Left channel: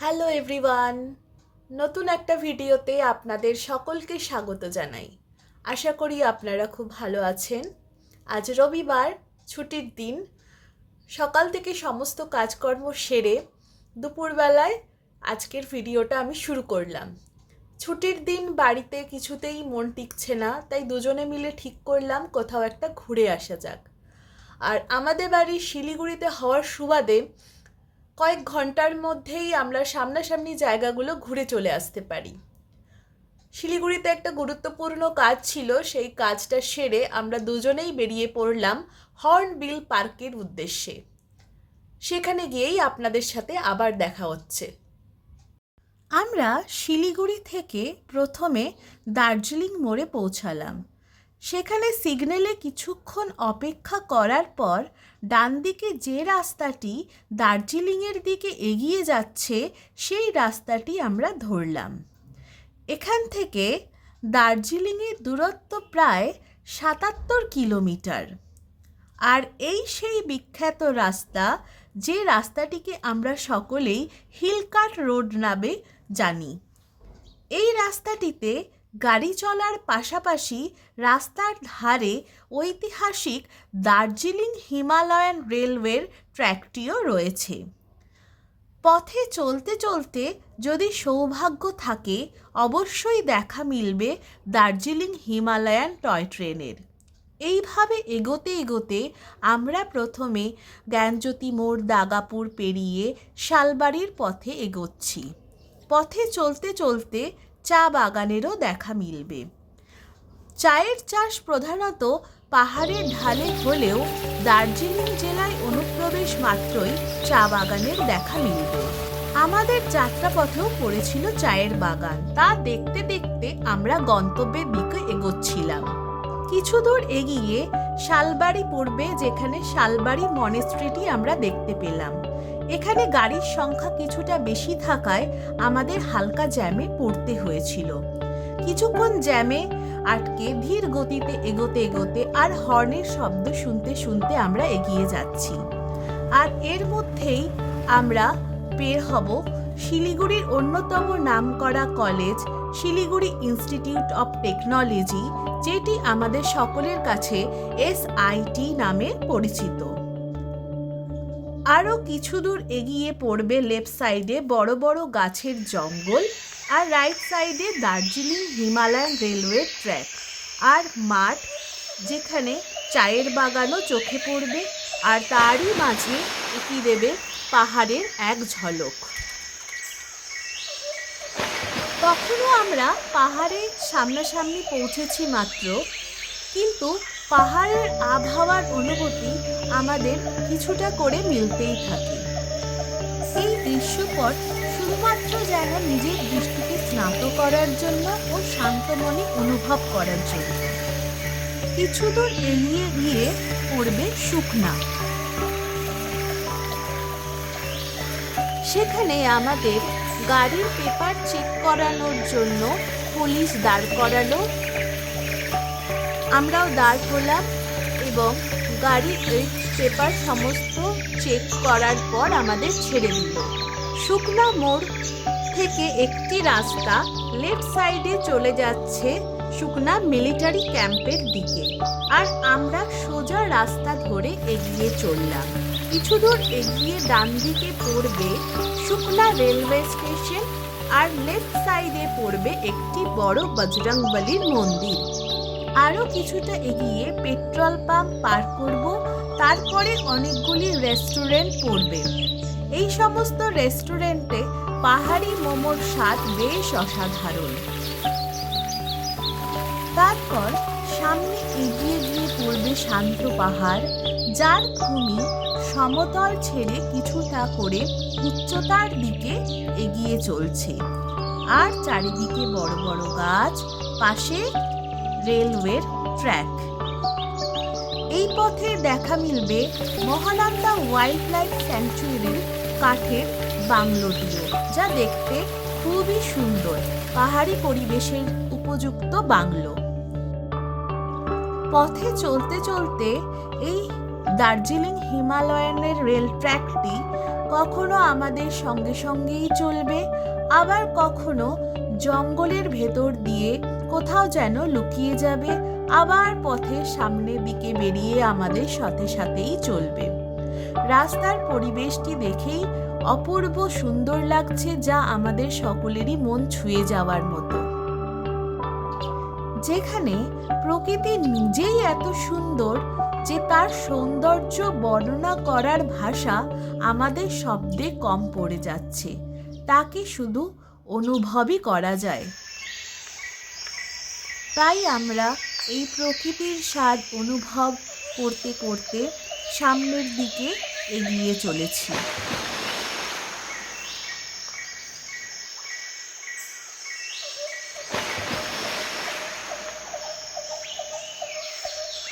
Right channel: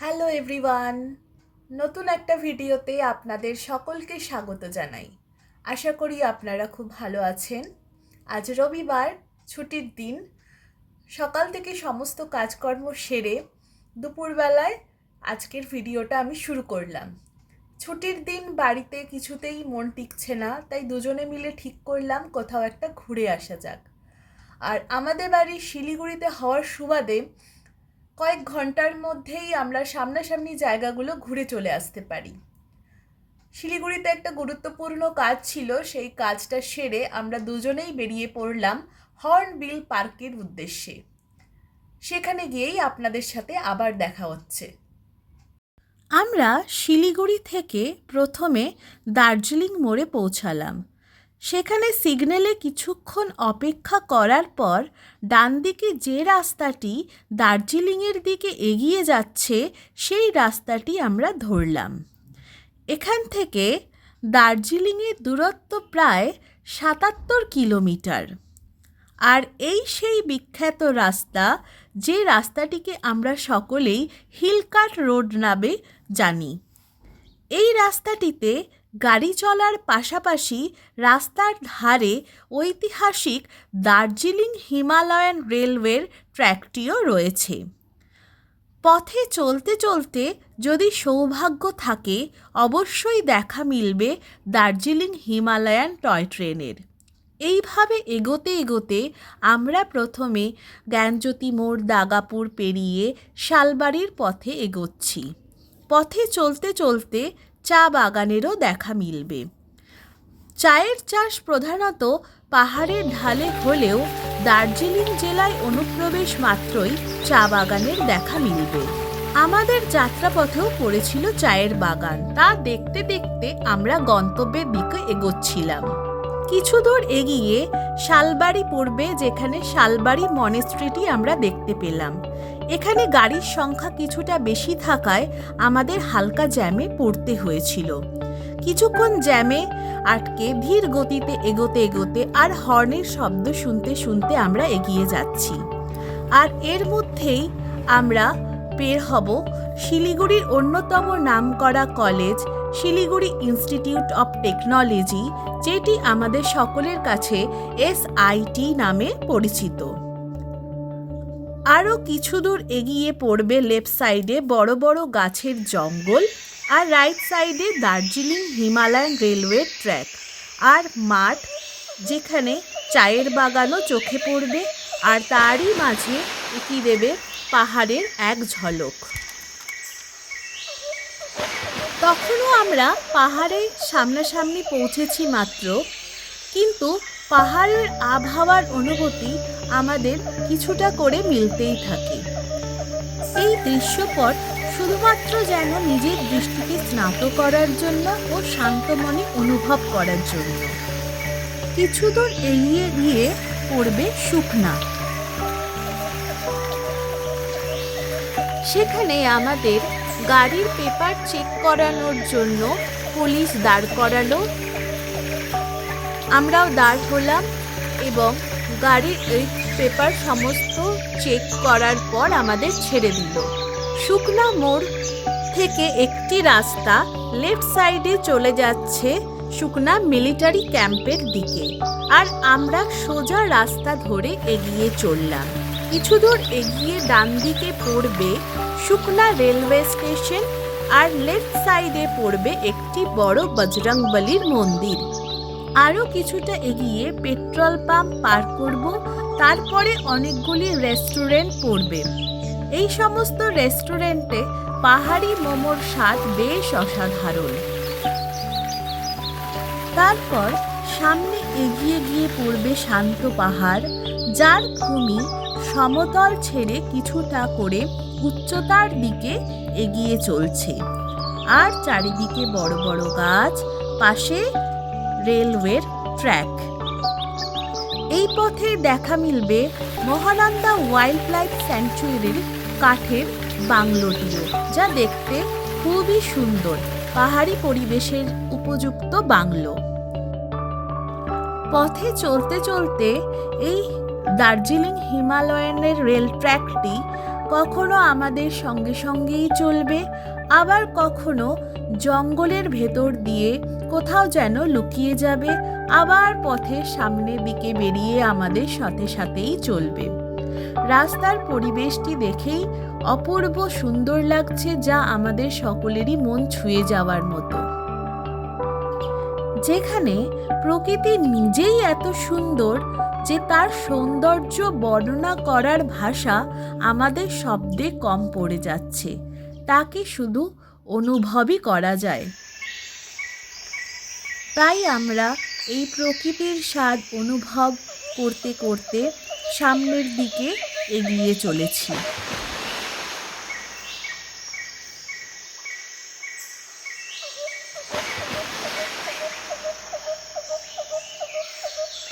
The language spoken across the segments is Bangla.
হ্যালো এভরিওয়ান, নতুন একটা ভিডিওতে আপনাদের সকলকে স্বাগত জানাই। আশা করি আপনারা খুব ভালো আছেন। আজ রবিবার, ছুটির দিন। সকাল থেকে সমস্ত কাজকর্ম সেরে দুপুরবেলায় আজকের ভিডিওটা আমি শুরু করলাম। ছুটির দিন বাড়িতে কিছুতেই মন টিকছে না, তাই দুজনে মিলে ঠিক করলাম কোথাও একটা ঘুরে আসা যাক। আর আমাদের বাড়ি শিলিগুড়িতে হওয়ার সুবাদে কয়েক ঘন্টার মধ্যেই আমরা সামনাসামনি জায়গাগুলো ঘুরে চলে আসতে পারি। শিলিগুড়িতে একটা গুরুত্বপূর্ণ কাজ ছিল, সেই কাজটা সেরে আমরা দুজনেই বেরিয়ে পড়লাম হর্নবিল পার্কের উদ্দেশ্যে। সেখানে গিয়েই আপনাদের সাথে আবার দেখা হচ্ছে। আমরা শিলিগুড়ি থেকে প্রথমে দার্জিলিং মোড়ে পৌঁছালাম। সেখানে সিগন্যালে কিছুক্ষণ অপেক্ষা করার পর ডান দিকে যে রাস্তাটি দার্জিলিংয়ের দিকে এগিয়ে যাচ্ছে সেই রাস্তাটি আমরা ধরলাম। এখান থেকে দার্জিলিংয়ের দূরত্ব প্রায় ৭৭ কিলোমিটার। আর এই সেই বিখ্যাত রাস্তা, যে রাস্তাটিকে আমরা সকলেই হিলকাট রোড নামে জানি। এই রাস্তাটিতে গাড়ি চলার পাশাপাশি রাস্তার ধারে ঐতিহাসিক দার্জিলিং হিমালয়ান রেলওয়ের ট্র্যাকটিও রয়েছে। পথে চলতে চলতে যদি সৌভাগ্য থাকে অবশ্যই দেখা মিলবে দার্জিলিং হিমালয়ান টয় ট্রেনের। এইভাবে এগোতে এগোতে আমরা প্রথমে জ্ঞানজ্যোতি মোড় দাগাপুর পেরিয়ে শালবাড়ির পথে এগোচ্ছি। পথে চলতে চলতে চা বাগানেরও দেখা মিলবে। চায়ের চাষ প্রধানত পাহাড়ের ঢালে হলেও দার্জিলিং জেলায় অনুপ্রবেশ মাত্রই চা বাগানের দেখা মিলবে। আমাদের যাত্রাপথেও পড়েছিল চায়ের বাগান। তা দেখতে দেখতে আমরা গন্তব্যের দিকে এগোচ্ছিলাম। কিছু দূর এগিয়ে শালবাড়ি পড়বে, যেখানে শালবাড়ি মনেস্ট্রিটি আমরা দেখতে পেলাম। এখানে গাড়ির সংখ্যা কিছুটা বেশি থাকায় আমাদের হালকা জ্যামে পড়তে হয়েছিল। কিছুক্ষণ জ্যামে আটকে ধীর গতিতে এগোতে এগোতে আর হর্নের শব্দ শুনতে শুনতে আমরা এগিয়ে যাচ্ছি। আর এর মধ্যেই আমরা বের হব শিলিগুড়ির অন্যতম নামকরা college Siliguri institute of technology, যেটি আমাদের সকলের কাছে SIT নামে পরিচিত। আরও কিছু দূর এগিয়ে পড়বে লেফট সাইডে বড় বড় গাছের জঙ্গল, আর রাইট সাইডে দার্জিলিং হিমালয়ান রেলওয়ে ট্র্যাক আর মাঠ, যেখানে চায়ের বাগানও চোখে পড়বে। আর তারই মাঝে এটি দেবে পাহাড়ের এক ঝলক। তখনও আমরা পাহাড়ের সামনাসামনি পৌঁছেছি মাত্র, কিন্তু পাহাড়ের আবহাওয়ার অনুভূতি আমাদের কিছুটা করে মিলতেই থাকে। এই দৃশ্যপট শুধুমাত্র যেন নিজের দৃষ্টিকে স্নাত করার জন্য ও শান্ত মনে অনুভব করার জন্য। কিছু দূর এগিয়ে গিয়ে পড়বে শুকনা। সেখানে আমাদের গাড়ির পেপার চেক করানোর জন্য পুলিশ দাঁড় করালো। আমরাও দাঁড় হলাম এবং গাড়ির এই পেপার সমস্ত চেক করার পর আমাদের ছেড়ে দিল। শুকনা মোড় থেকে একটি রাস্তা লেফট সাইডে চলে যাচ্ছে শুকনা মিলিটারি ক্যাম্পের দিকে, আর আমরা সোজা রাস্তা ধরে এগিয়ে চললাম। কিছু দূর এগিয়ে ডান দিকে পড়বে শুকনা রেলওয়ে স্টেশন, আর লেফট সাইডে পড়বে একটি বড় বজরংবলীর মন্দির। আরও কিছুটা এগিয়ে পেট্রোল পাম্প পার করব, তারপরে অনেকগুলি রেস্টুরেন্ট পড়বে। এই সমস্ত রেস্টুরেন্টে পাহাড়ি মোমোর স্বাদ বেশ অসাধারণ। তারপর সামনে এগিয়ে গিয়ে পড়বে শান্ত পাহাড়, যার ভূমি সমতল ছেড়ে কিছুটা করে উচ্চতার দিকে এগিয়ে চলছে। আর চারিদিকে বড় বড় গাছ, পাশে রেলওয়ের ট্র্যাক। এই পথে দেখা মিলবে মহানন্দা ওয়াইল্ড লাইফ স্যাংচুয়ারির কাঠের বাংলোটিও, যা দেখতে খুবই সুন্দর, পাহাড়ি পরিবেশের উপযুক্ত বাংলো। পথে চলতে চলতে এই দার্জিলিং হিমালয়ানের রেল ট্র্যাকটি কখনো আমাদের সঙ্গে সঙ্গেই চলবে, আবার কখনো জঙ্গলের ভেতর দিয়ে কোথাও যেন লুকিয়ে যাবে, আবার পথের সামনের দিকে বেরিয়ে আমাদের সাথে সাথেই চলবে। রাস্তার পরিবেশটি দেখেই অপূর্ব সুন্দর লাগছে, যা আমাদের সকলেরই মন ছুঁয়ে যাওয়ার মতো। যেখানে প্রকৃতি নিজেই এত সুন্দর যে তার সৌন্দর্য বর্ণনা করার ভাষা আমাদের শব্দে কম পড়ে যাচ্ছে, তাকে শুধু অনুভবই করা যায়। তাই আমরা এই প্রকৃতির স্বাদ অনুভব করতে করতে সামনের দিকে এগিয়ে চলেছি।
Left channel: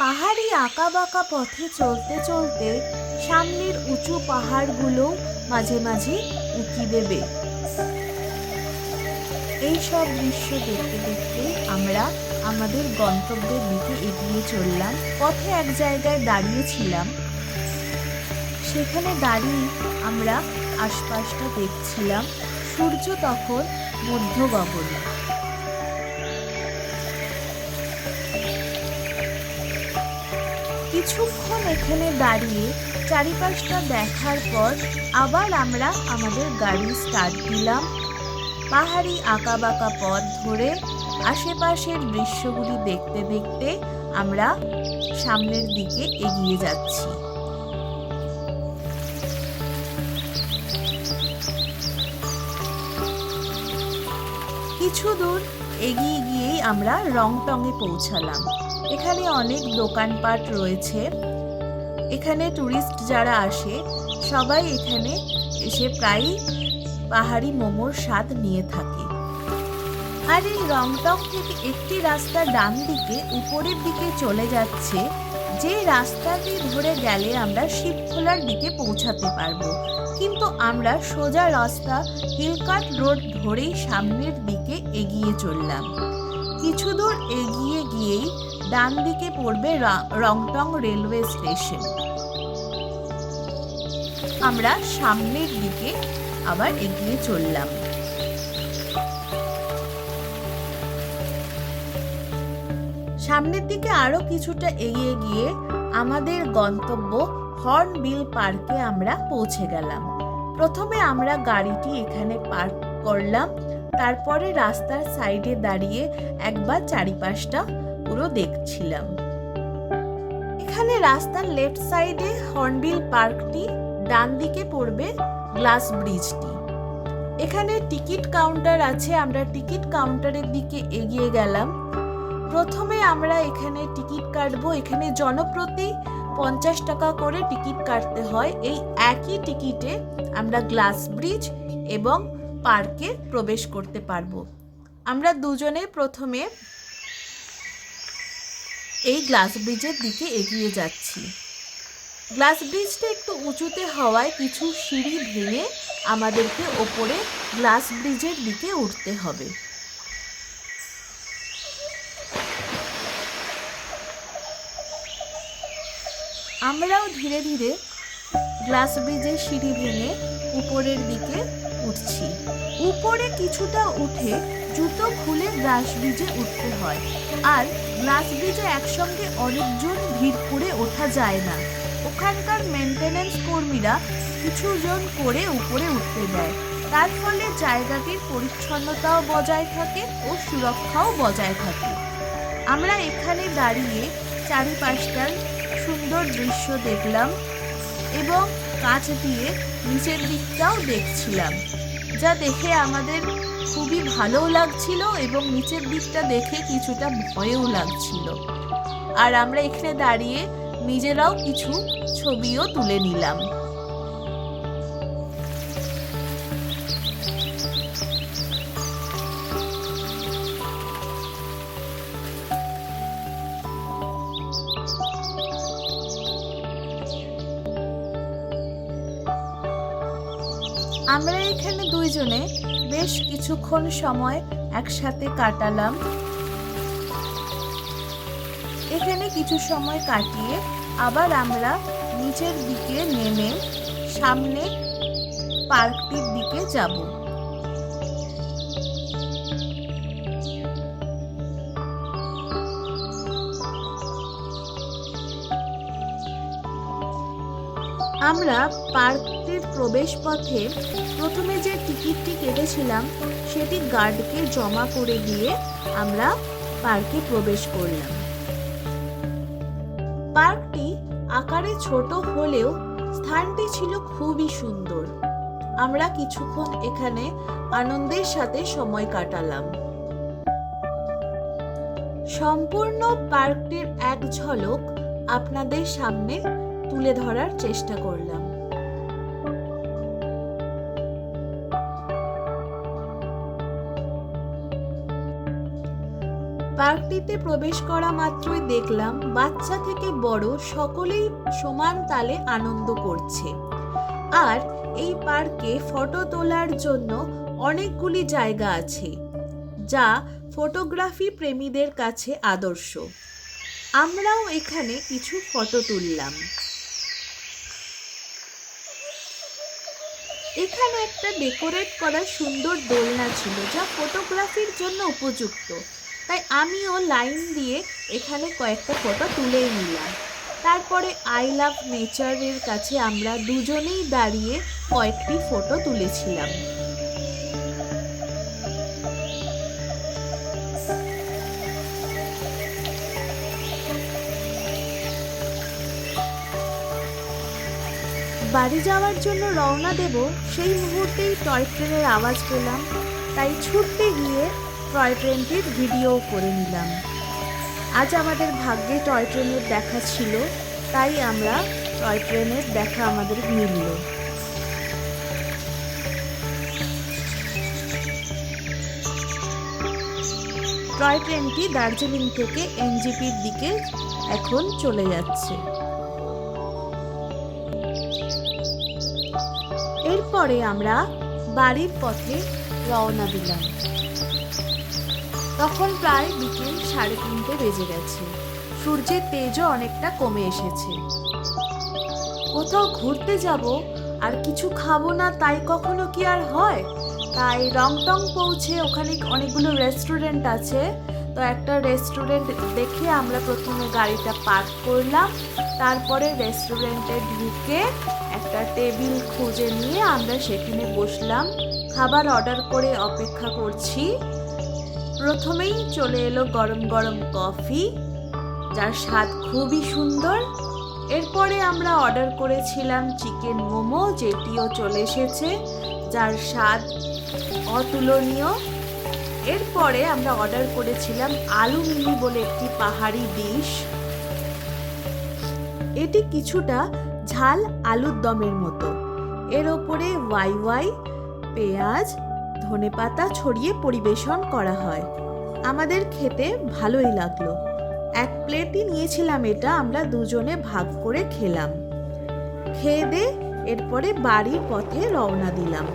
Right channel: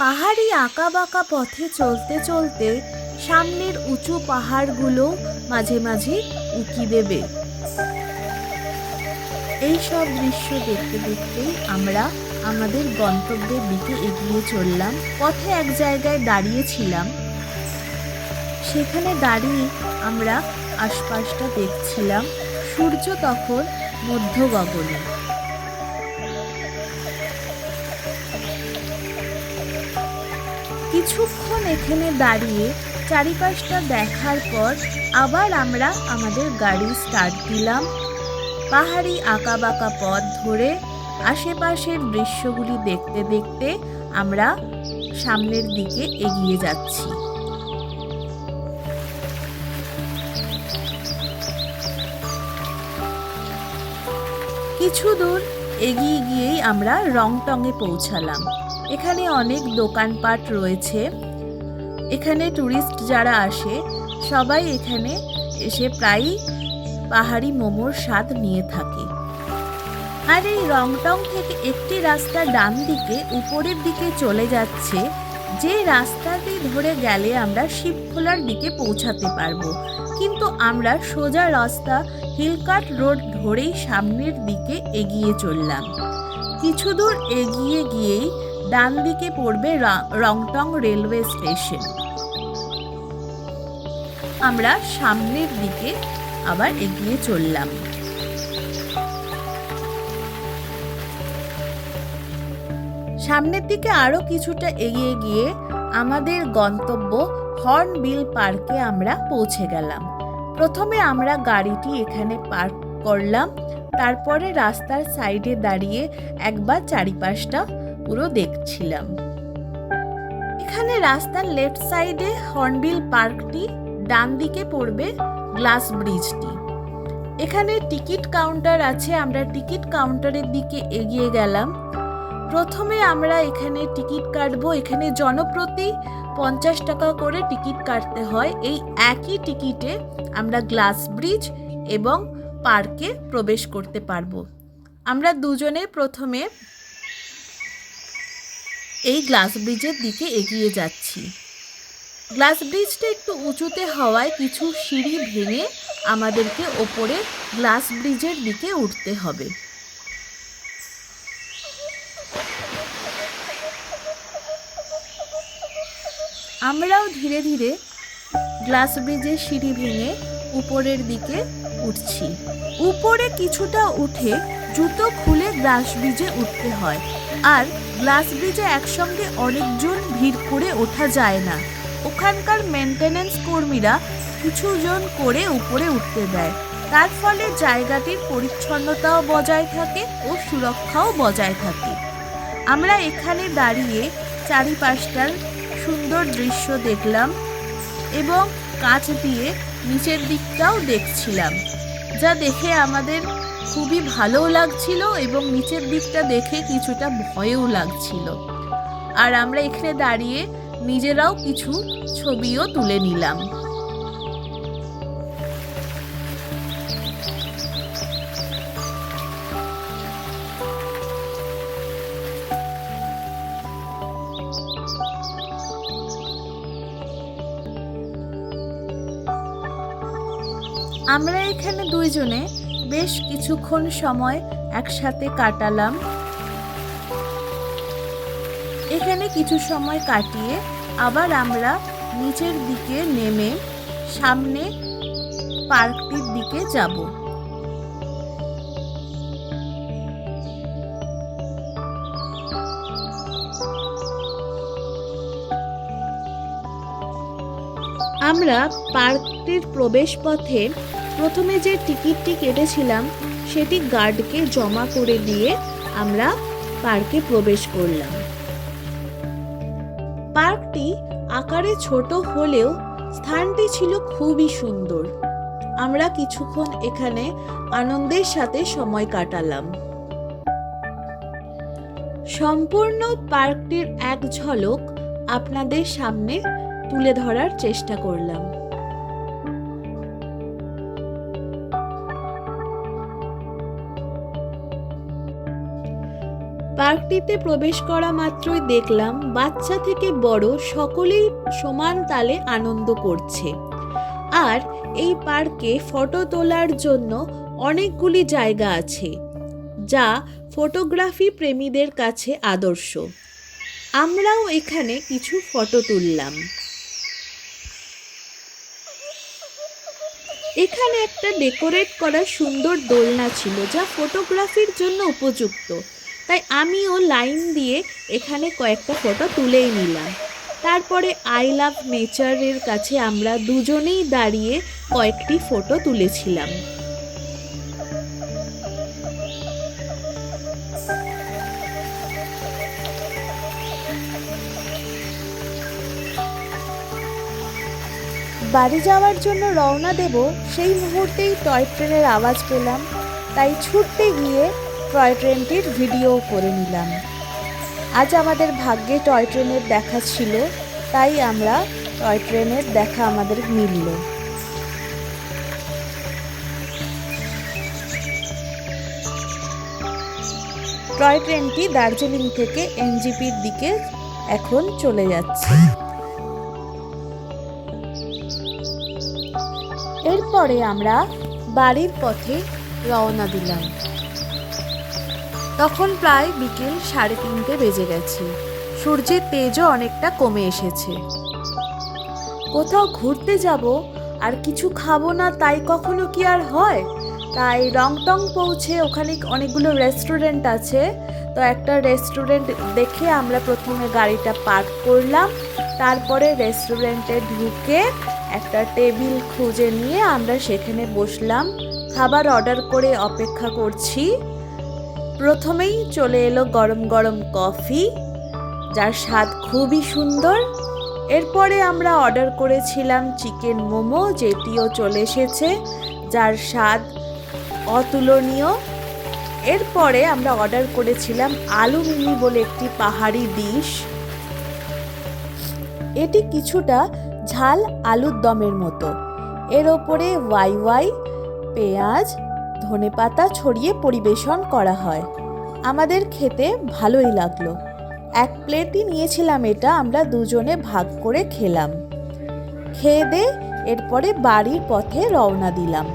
পাহাড়ি আঁকাবাঁকা পথে চলতে চলতে সামনের উঁচু পাহাড়গুলো মাঝে মাঝে উঁকি দেবে। এই সব দৃশ্য দেখতে দেখতেই আমরা আমাদের গন্তব্যের দিকে এগিয়ে চললাম। পথে এক জায়গায় দাঁড়িয়েছিলাম, সেখানে দাঁড়িয়ে আমরা আশপাশটা দেখছিলাম। সূর্য তখন মধ্য গগনে। কিছুক্ষণ এখানে দাঁড়িয়ে চারিপাশটা দেখার পর আবার আমরা আমাদের গাড়ি স্টার্ট দিলাম। পাহাড়ি আঁকাবাঁকা পথ ধরে আশেপাশের দৃশ্যগুলি দেখতে দেখতে আমরা সামনের দিকে এগিয়ে যাচ্ছি। কিছু দূর এগিয়ে গিয়েই আমরা রংটংয়ে পৌঁছালাম। এখানে অনেক দোকানপাট রয়েছে। এখানে টুরিস্ট যারা আসে সবাই এখানে এসে প্রায়ই পাহাড়ি মোমোর স্বাদ নিয়ে থাকে। আর এই রংটং থেকে একটি রাস্তা ডান দিকে উপরের দিকে চলে যাচ্ছে, যে রাস্তাটি ধরে গেলে আমরা শিবখোলার দিকে পৌঁছাতে পারবো। কিন্তু আমরা সোজা রাস্তা হিলকাট রোড ধরেই সামনের দিকে এগিয়ে চললাম। কিছু দূর এগিয়ে গিয়েই ডান দিকে পড়বে রংটং রেলওয়ে স্টেশন। আমরা সামনের দিকে আবার এগিয়ে চললাম। সামনের দিকে আরো কিছুটা এগিয়ে গিয়ে আমাদের গন্তব্য হর্নবিল পার্কে আমরা পৌঁছে গেলাম। প্রথমে আমরা গাড়িটি এখানে পার্ক করলাম, তারপরে রাস্তার সাইডে দাঁড়িয়ে একবার চারিপাশটা পুরো দেখছিলাম। এখানে রাস্তার লেফট সাইডে হর্নবিল পার্কটি, ডান দিকে পড়বে গ্লাস ব্রিজটি। এখানে টিকিট কাউন্টার আছে, আমরা টিকিট কাউন্টারের দিকে এগিয়ে গেলাম। প্রথমে আমরা এখানে টিকিট কাটবো। এখানে জনপ্রতি 50 টাকা করে টিকিট কাটতে হয়। এই একই টিকিটে আমরা গ্লাস ব্রিজ এবং পার্কে প্রবেশ করতে পারবো। আমরা দুজনে প্রথমে এই গ্লাস ব্রিজের দিকে এগিয়ে যাচ্ছি। গ্লাস ব্রিজটা একটু উঁচুতে হওয়ায় কিছু সিঁড়ি ভেঙে আমাদেরকে ওপরে গ্লাস ব্রিজের দিকে উঠতে হবে। আমরাও ধীরে ধীরে গ্লাস ব্রিজের সিঁড়ি ভেঙে উপরের দিকে উঠছি। উপরে কিছুটা উঠে জুতো খুলে গ্লাস ব্রিজে উঠতে হয়, আর গ্লাস ব্রিজে একসঙ্গে অনেকজন ভিড় করে ওঠা যায় না। ওখানকার মেনটেনেন্স কর্মীরা কিছুজন করে উপরে উঠতে দেয়, তার ফলে জায়গাটির পরিচ্ছন্নতাও বজায় থাকে ও সুরক্ষাও বজায় থাকে। আমরা এখানে দাঁড়িয়ে চারিপাশটার সুন্দর দৃশ্য দেখলাম এবং কাছ দিয়ে নিচের দিকটাও দেখছিলাম, যা দেখে আমাদের খুবই ভালোও লাগছিল এবং নিচের দিকটা দেখে কিছুটা ভয়ও লাগছিল। আর আমরা এখানে দাঁড়িয়ে নিজেরাও কিছু ছবিও তুলে নিলাম। আমরা এখানে দুইজনে বেশ কিছুক্ষণ সময় একসাথে কাটালাম। এখানে কিছু সময় কাটিয়ে আবার আমরা নিচের দিকে নেমে সামনে পার্কটির দিকে যাব। আমরা পার্কটির প্রবেশ পথে প্রথমে যে টিকিটটি কেটেছিলাম সেটি গার্ডকে জমা করে দিয়ে আমরা পার্কে প্রবেশ করলাম। পার্কটি আকারে ছোট হলেও স্থানটি ছিল খুবই সুন্দর। আমরা কিছুক্ষণ এখানে আনন্দের সাথে সময় কাটালাম। সম্পূর্ণ পার্কটির এক ঝলক আপনাদের সামনে তুলে ধরার চেষ্টা করলাম। পার্কটিতে প্রবেশ করা মাত্রই দেখলাম বাচ্চা থেকে বড় সকলেই সমান তালে আনন্দ করছে। আর এই পার্কে ফটো তোলার জন্য অনেকগুলি জায়গা আছে, যা ফটোগ্রাফি প্রেমীদের কাছে আদর্শ। আমরাও এখানে কিছু ফটো তুললাম। এখানে একটা ডেকোরেট করা সুন্দর দোলনা ছিল, যা ফটোগ্রাফির জন্য উপযুক্ত। তাই আমিও লাইন দিয়ে এখানে কয়েকটা ফটো তুলেই নিলাম। তারপরে আই লাভ নেচারের কাছে আমরা দুজনেই দাঁড়িয়ে কয়েকটি ফটো তুলেছিলাম। বাড়ি যাওয়ার জন্য রওনা দেব, সেই মুহূর্তেই টয় ট্রেনের আওয়াজ পেলাম। তাই ছুটতে গিয়ে টয় ট্রেনটির ভিডিও করে নিলাম। আজ আমাদের ভাগ্যে টয় ট্রেনের দেখা ছিল, তাই আমরা টয় ট্রেনের দেখা আমাদের মিলল। টয় ট্রেনটি দার্জিলিং থেকে এনজিপির দিকে এখন চলে যাচ্ছে। এরপরে আমরা বাড়ির পথে রওনা দিলাম। তখন প্রায় বিকেল 3:30 বেজে গেছে। সূর্যের তেজও অনেকটা কমে এসেছে। কোথাও ঘুরতে যাব আর কিছু খাবো না, তাই কখনো কি আর হয়? তাই রংটং পৌঁছে ওখানে অনেকগুলো রেস্টুরেন্ট আছে, তো একটা রেস্টুরেন্ট দেখে আমরা প্রথমে গাড়িটা পার্ক করলাম। তারপরে রেস্টুরেন্টে ঢুকে একটা টেবিল খুঁজে নিয়ে আমরা সেখানে বসলাম। খাবার অর্ডার করে অপেক্ষা করছি। প্রথমেই চলে এলো গরম গরম কফি, যার স্বাদ খুবই সুন্দর। এরপরে আমরা অর্ডার করেছিলাম চিকেন মোমো, যেটিও চলে এসেছে, যার স্বাদ অতুলনীয়। এরপরে আমরা অর্ডার করেছিলাম আলু মিমি বলে একটি পাহাড়ি ডিশ। এটি কিছুটা ঝাল আলুর দমের মতো। এর ওপরে ওয়াই পেঁয়াজ ধনেপাতা ছড়িয়ে পরিবেশন করা হয়। আমাদের খেতে ভালোই লাগলো। এক প্লেটই নিয়েছিলাম এটা, আমরা দুজনে ভাগ করে খেলাম। খেয়ে দিয়ে এরপরে বাড়ির পথে রওনা দিলাম।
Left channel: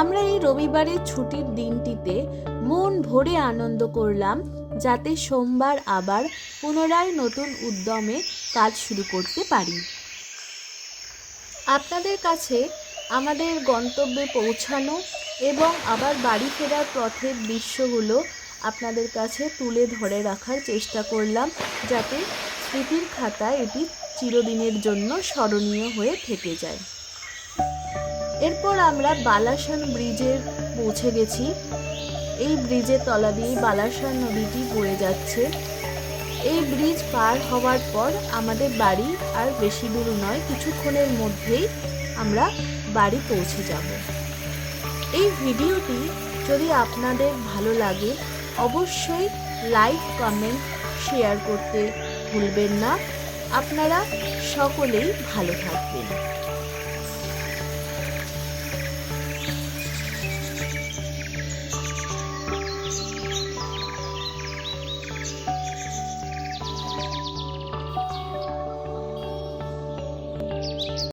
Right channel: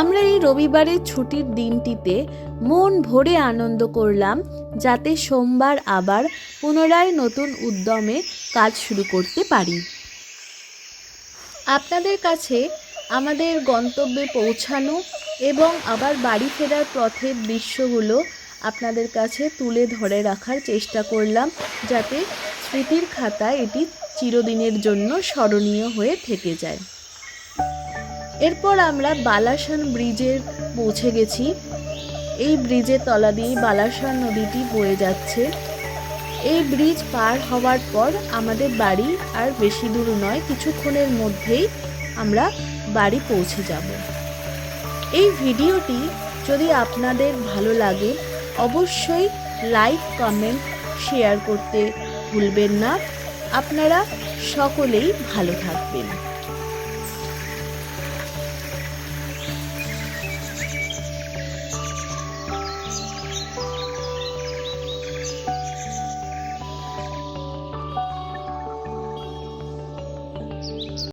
আমরা এই রবিবারের ছুটির দিনটিতে মন ভরে আনন্দ করলাম, যাতে সোমবার আবার পুনরায় নতুন উদ্যমে কাজ শুরু করতে পারি। আপনাদের কাছে আমাদের গন্তব্যে পৌঁছানো এবং আবার বাড়ি ফেরার পথের দৃশ্যগুলো আপনাদের কাছে তুলে ধরে রাখার চেষ্টা করলাম, যাতে স্মৃতির খাতায় এটি চিরদিনের জন্য স্মরণীয় হয়ে থেকে যায়। এরপর আমরা বালাসন ব্রিজে পৌঁছে গেছি। এই ব্রিজের তলা দিয়েই বালাসন নদীটি বয়ে যাচ্ছে। এই ব্রিজ পার হওয়ার পর আমাদের বাড়ি আর বেশি দূর নয়, কিছুক্ষণের মধ্যেই আমরা বাড়ি পৌঁছে যাব। এই ভিডিওটি যদি আপনাদের ভালো লাগে অবশ্যই লাইক, কমেন্ট, শেয়ার করতে ভুলবেন না। আপনারা সকলেই ভালো থাকবেন।